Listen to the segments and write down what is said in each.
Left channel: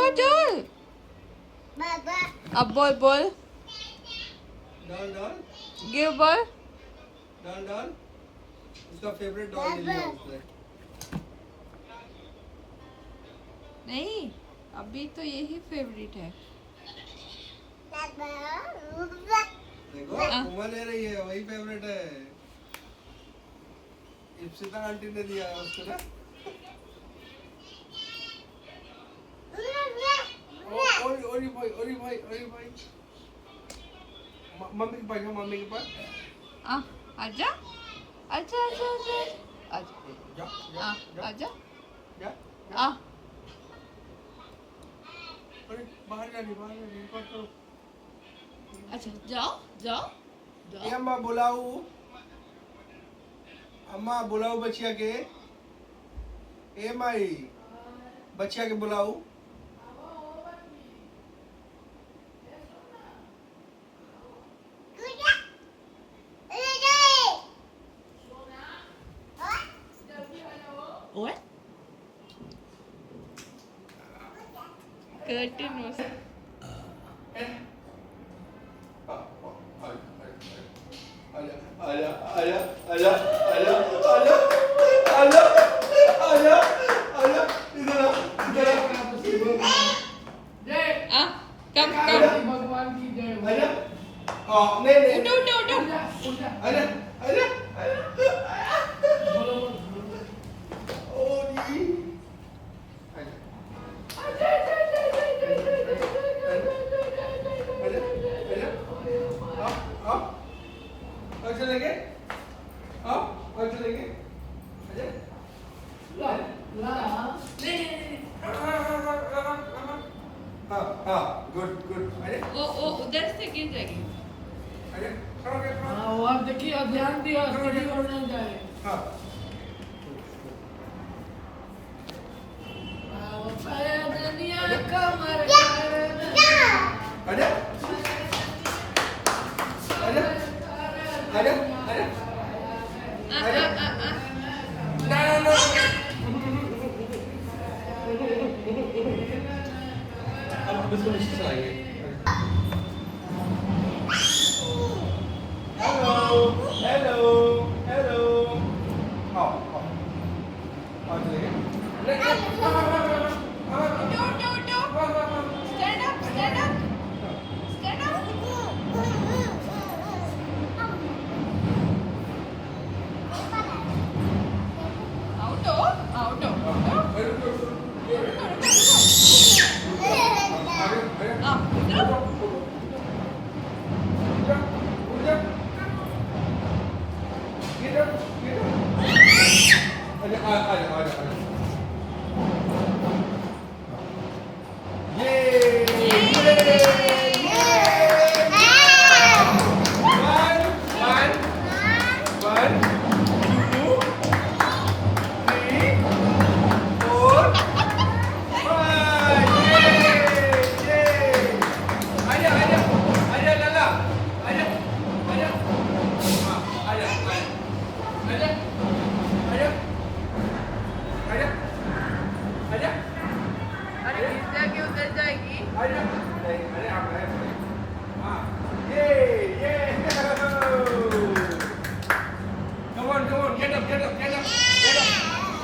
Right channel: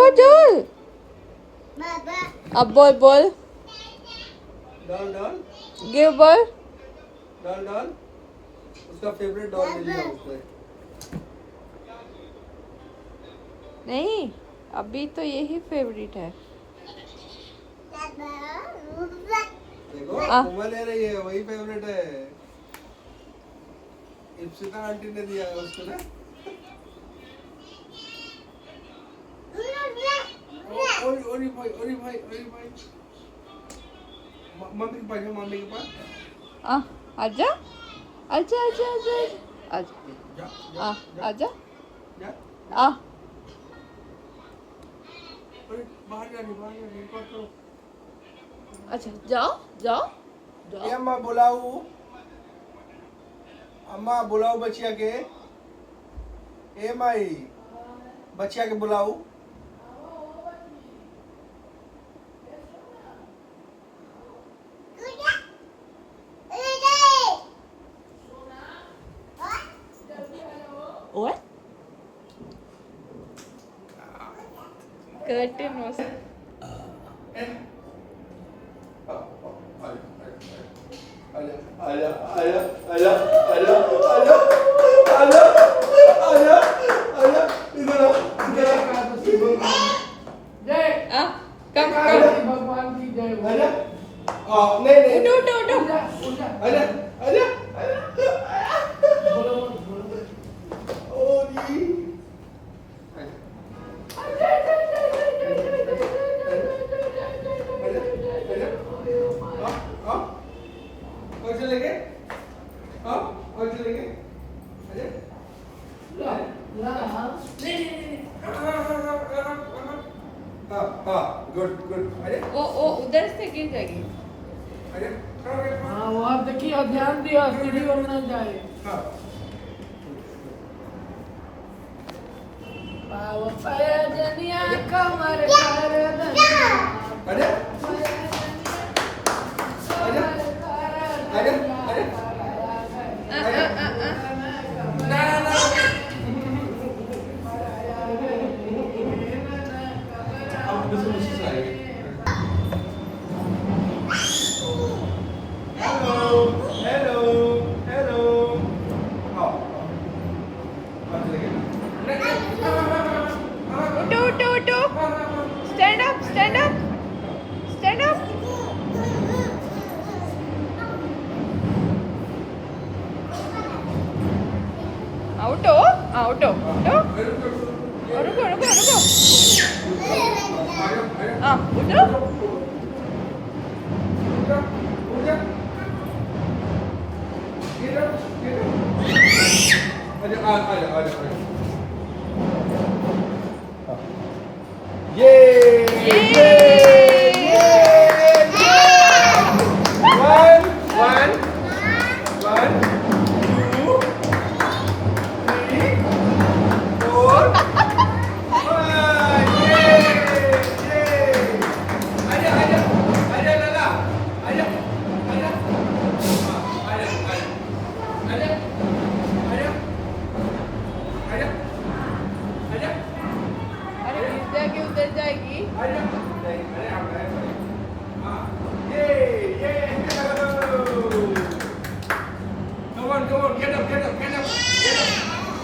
बोल बोल अब बोल बोल डॉल डॉल गिव बोल डॉल डॉल उसका फेवरेट डॉल ले लिया उसने नहीं अभी तो यही फेवरेट है देखो आ। उमा ले रही है वही फेवरेट है इप्सिता आंटी ने दिया है उसको ना ओरी भाई मम्मी के पास मम्मी के पास आजा आजा आजा आजा आजा जा आजा जा आ अरे बाहर जानी बात करो अच्छा जाओ जाओ ए जाओ अम्मा बुलाओ बच्चिया के ए माई बच्चिया के बुलाओ ओए कर्टन was come उठो चलेंगे गुड अरे वो उधर से गिर जाएगी अरे हाँ वो आप देखिए ध्यान दिया सीढ़ी पर न जाए हाँ वो पाया दुनिया कमर अरे अब बिल्कुल नीचे चलाइए हेलो उठो स्टैंड अप उठो रुको उठो अरे गिर जाएगी उधर जाएगी Come on, get up.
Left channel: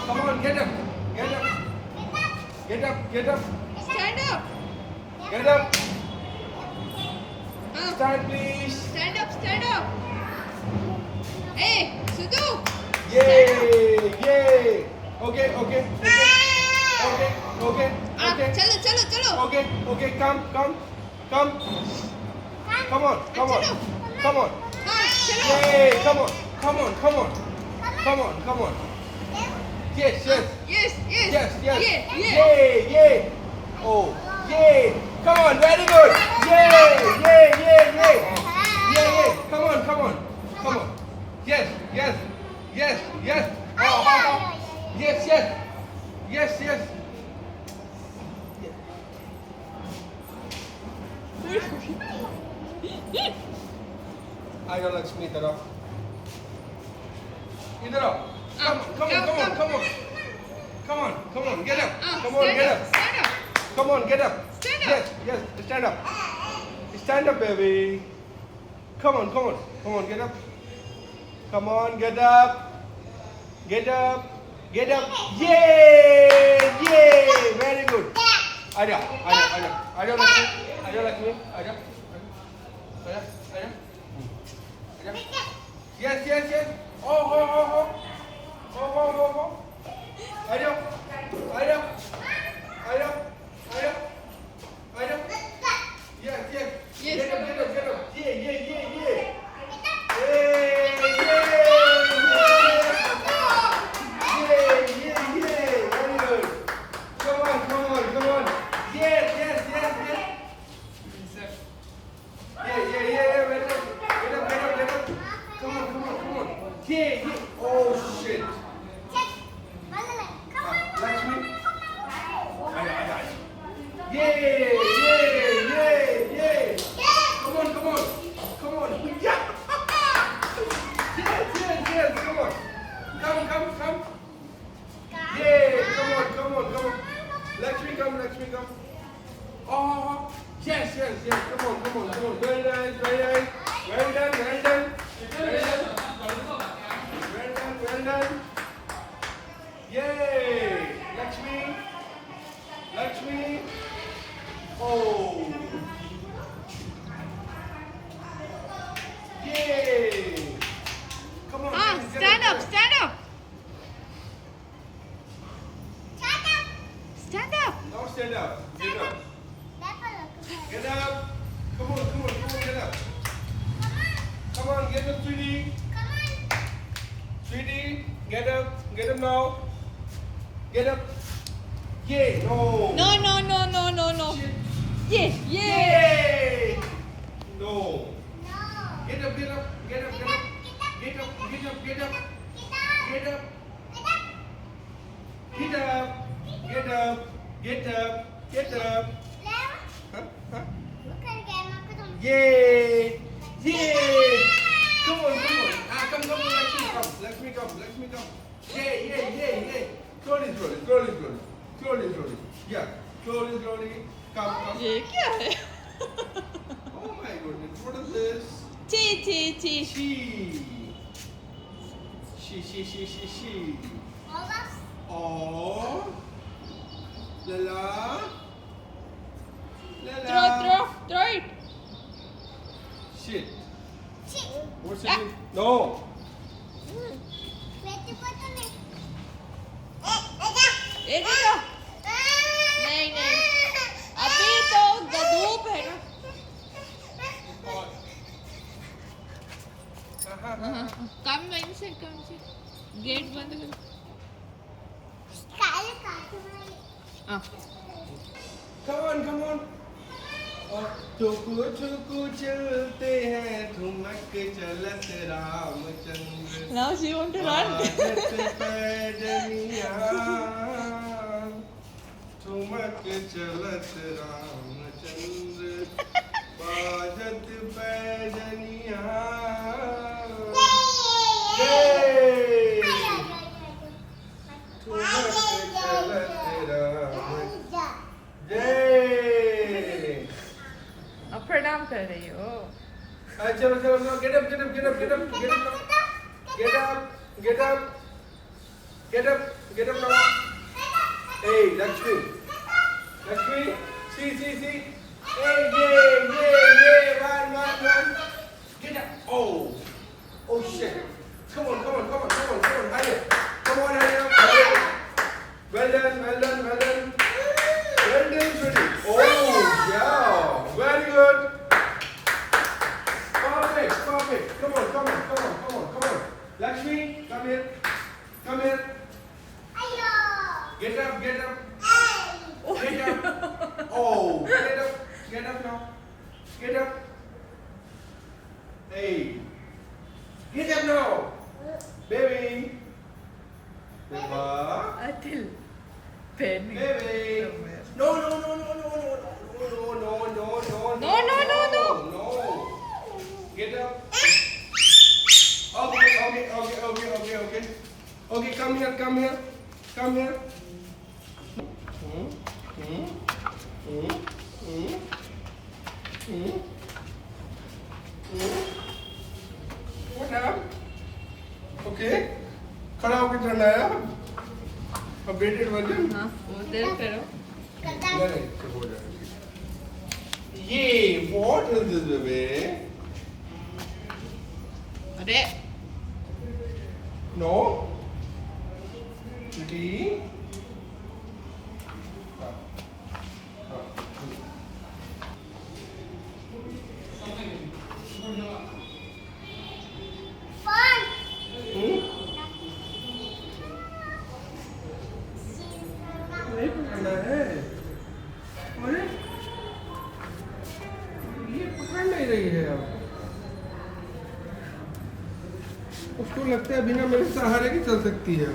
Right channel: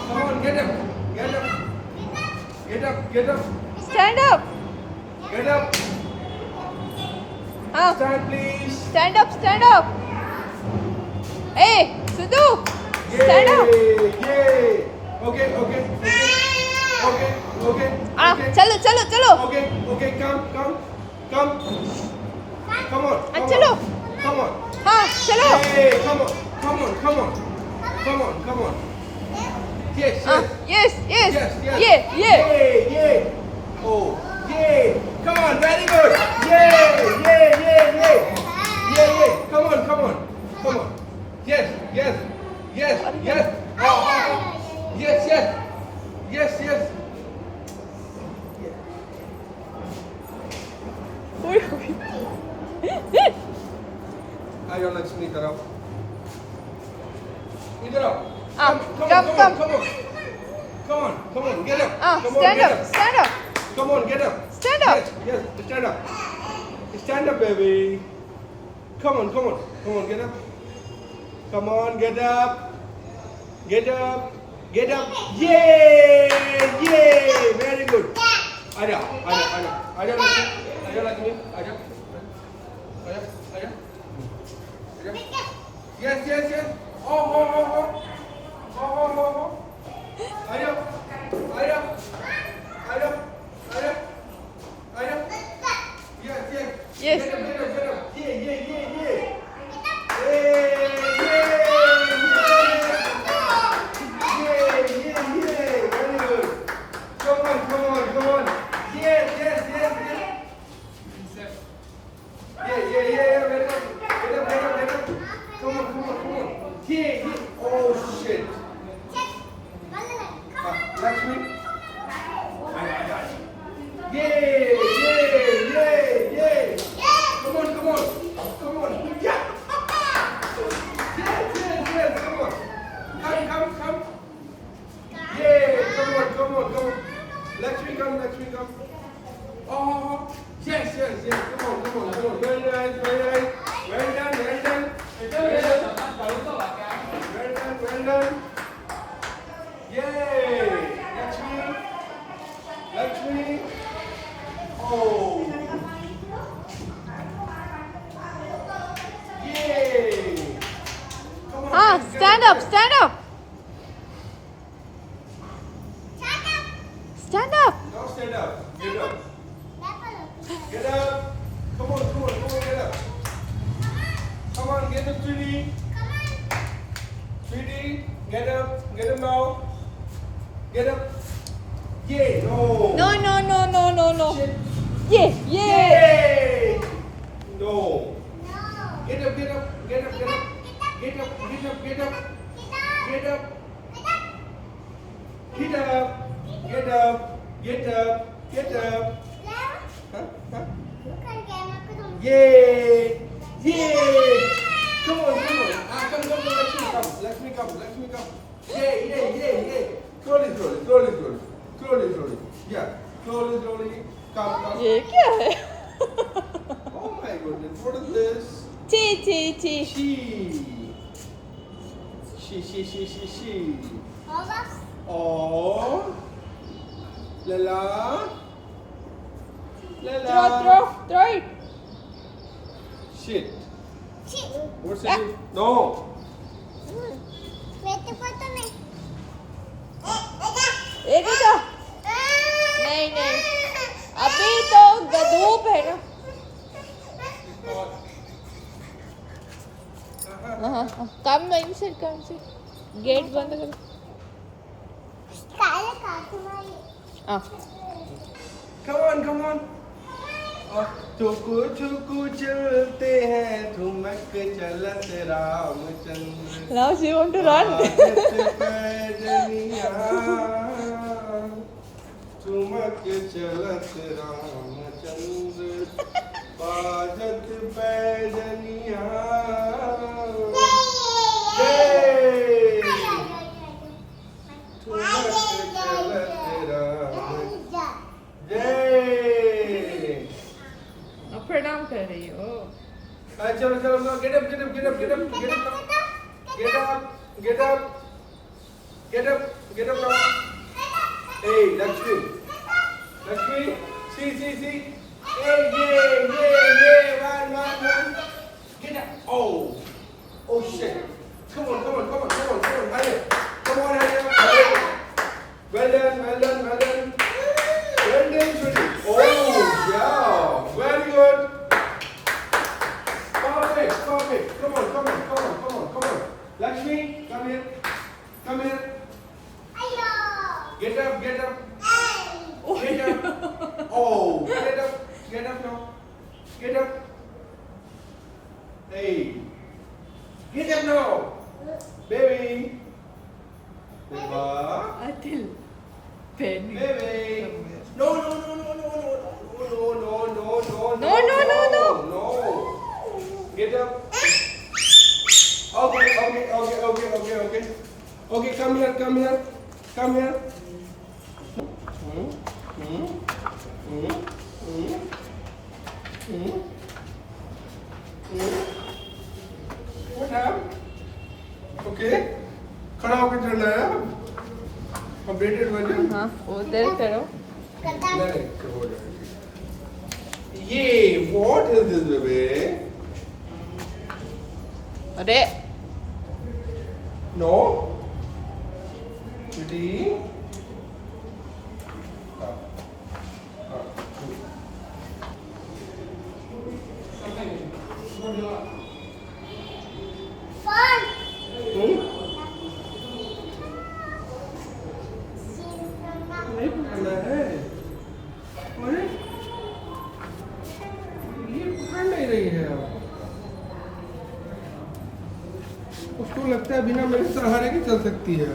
Come on, get up. Stand up Get up. हाँ Stand, please. स्टैंड अप ए सुधु स्टैंड अप Yay. Okay. चलो Okay, come. Come on. चलो Come on. हाँ चलो Yay, come on. Yes. Yes Yes. ये Yay. Oh, yay. Come on, very good. Yay. Come on. Yes. Oh. Yes. आयो लक्ष्मी तरफ इधर आओ come. Come on, get up. stand up Come on, get up. Stand up. Yes, yes, stand up. Stand up, baby. Come on, come on. Come on, get up. Come on, get up. Get up. Get up. Yay! Yay! Very good. Aja, Lakshmi. Aja, Lakshmi. Aja. Yes, yes, yes. Oh. Aja. Yes, yes. Yes. Get up. Yeah. Very good. Come on. Yes. Yeah. Get up. Come on. Yeah. Oh shit. Lakshmi. Yay. Come on. Yeah. Yes. Come on. Come. Yay. Come on. Lakshmi, come. Oh. Yes. Come on. Very nice. Well done. Yay. Lakshmi. Oh. Yay. Come on. Ah, stand up. Stand up. Now stand up. Get up. Come on, get up. Come on, get up, sweetie. Sweetie, get up now. Get up. Yay, no. No. Shit. Yeah. Yay. No. Get up. Huh? Yay! Come on. Come, Lakshmi, come. Yay! Slowly. Yeah, slowly. Come. ये क्या है? Oh my goodness, what is this? ची. She. Oh. Lala. Throw it. Shit. What's it? No. ये देखो. नहीं. अभी तो धूप है ना. कम नहीं से गेट बंद कर. Come on. चुकू चलते हैं ठुमक चलत Ramchandra. Now she want to run. पैजनिया ठुमक चलत रामचंद्र बाजत पैजनिया. प्रणाम कर रही हो. चलो get up now. Hey, Lakshmi, see. Hey, yeah, run. Get up. Oh shit. Come on, hurry. Come on, hurry up. Well done, sweetie. Oh, yeah, very good. Perfect. Come on. Lakshmi, come here. Get up. Oh, get up now. Get up. Hey, get up now, baby. Atil. Penny. Baby. No. What happened? Okay. खड़ा होकर चढ़ना है updated version. हाँ उधर करो। नहीं हो जाएगा। ये what is this baby? अरे No. Ready? नहीं पकड़ना है। अरे ये पकड़ नहीं रही है अब। उसको लगता है बिना मेरे सहारे के चल सकती है।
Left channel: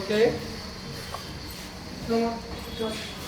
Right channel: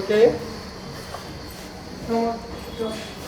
Okay. Come on.